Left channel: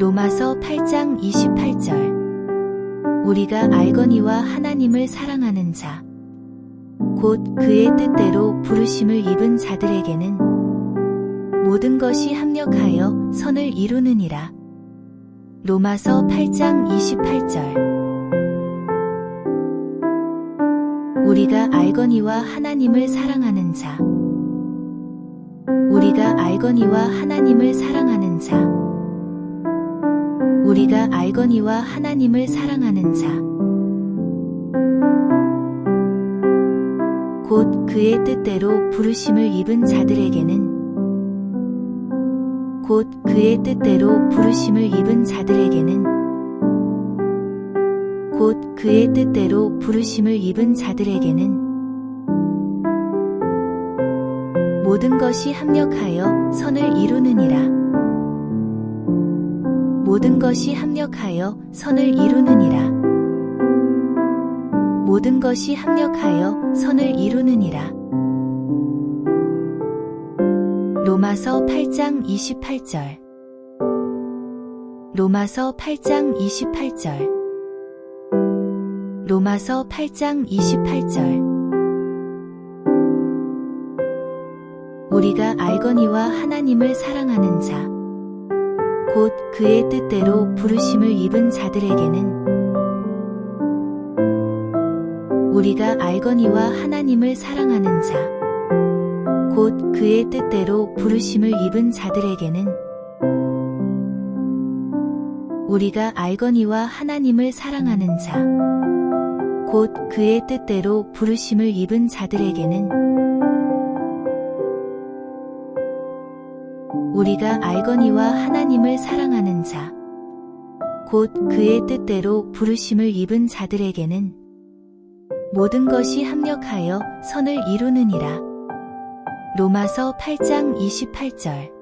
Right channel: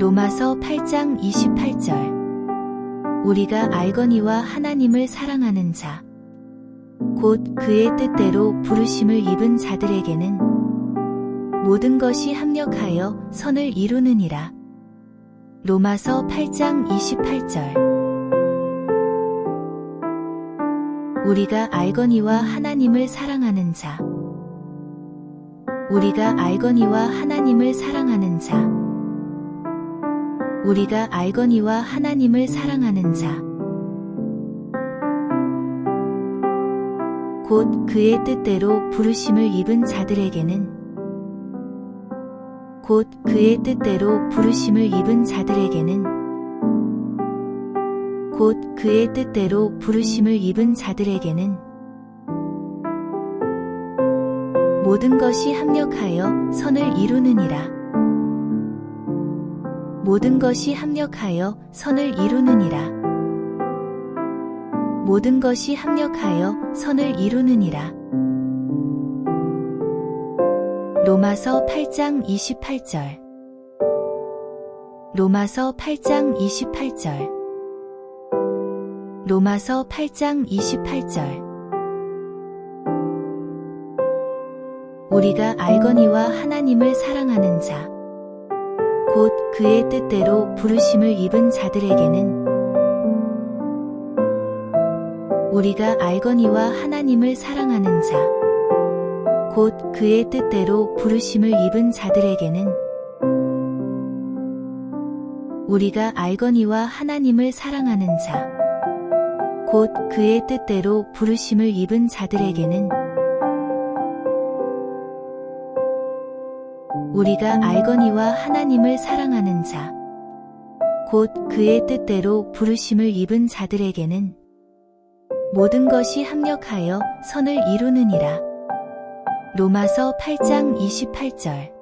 로마서 8장 28절. 우리가 알거니와 하나님을 사랑하는 자, 곧 그의 뜻대로 부르심을 입은 자들에게는 모든 것이 합력하여 선을 이루느니라. 로마서 8장 28절. 우리가 알거니와 하나님을 사랑하는 자, 우리가 알거니와 하나님을 사랑하는 자, 우리가 알거니와 하나님을 사랑하는 자, 곧 그의 뜻대로 부르심을 입은 자들에게는 곧 그의 뜻대로 부르심을 입은 자들에게는 곧 그의 뜻대로 부르심을 입은 자들에게는 모든 것이 합력하여 선을 이루느니라. 모든 것이 합력하여 선을 이루느니라. 모든 것이 합력하여 선을 이루느니라. 로마서 8장 28절 로마서 8장 28절 로마서 8장 28절 우리가 알거니와 하나님을 사랑하는 자, 곧 그의 뜻대로 부르심을 입은 자들에게는 우리가 알거니와 하나님을 사랑하는 자, 곧 그의 뜻대로 부르심을 입은 자들에게는 우리가 알거니와 하나님을 사랑하는 자, 곧 그의 뜻대로 부르심을 입은 자들에게는 우리가 알거니와 하나님을 사랑하는 자, 곧 그의 뜻대로 부르심을 입은 자들에게는 모든 것이 합력하여 선을 이루느니라. 로마서 8장 28절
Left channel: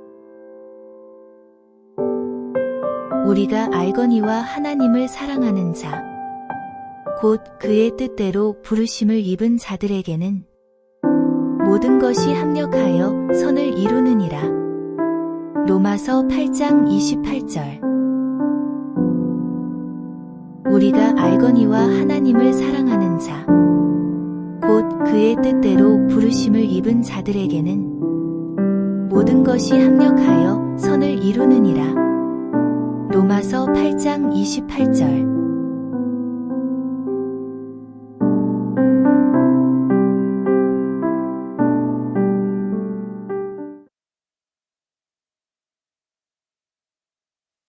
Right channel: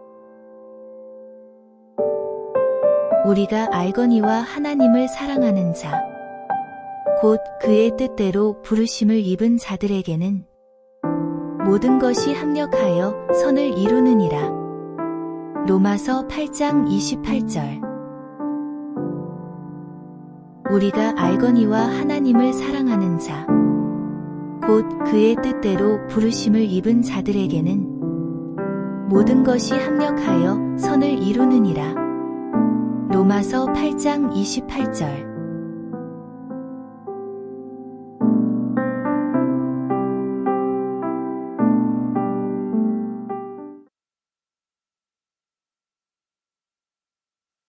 우리가 알거니와 하나님을 사랑하는 자, 곧 그의 뜻대로 부르심을 입은 자들에게는 모든 것이 합력하여 선을 이루느니라. 로마서 8장 28절 우리가 알거니와 하나님을 사랑하는 자, 곧 그의 뜻대로 부르심을 입은 자들에게는 모든 것이 합력하여 선을 이루느니라. 로마서 8장 28절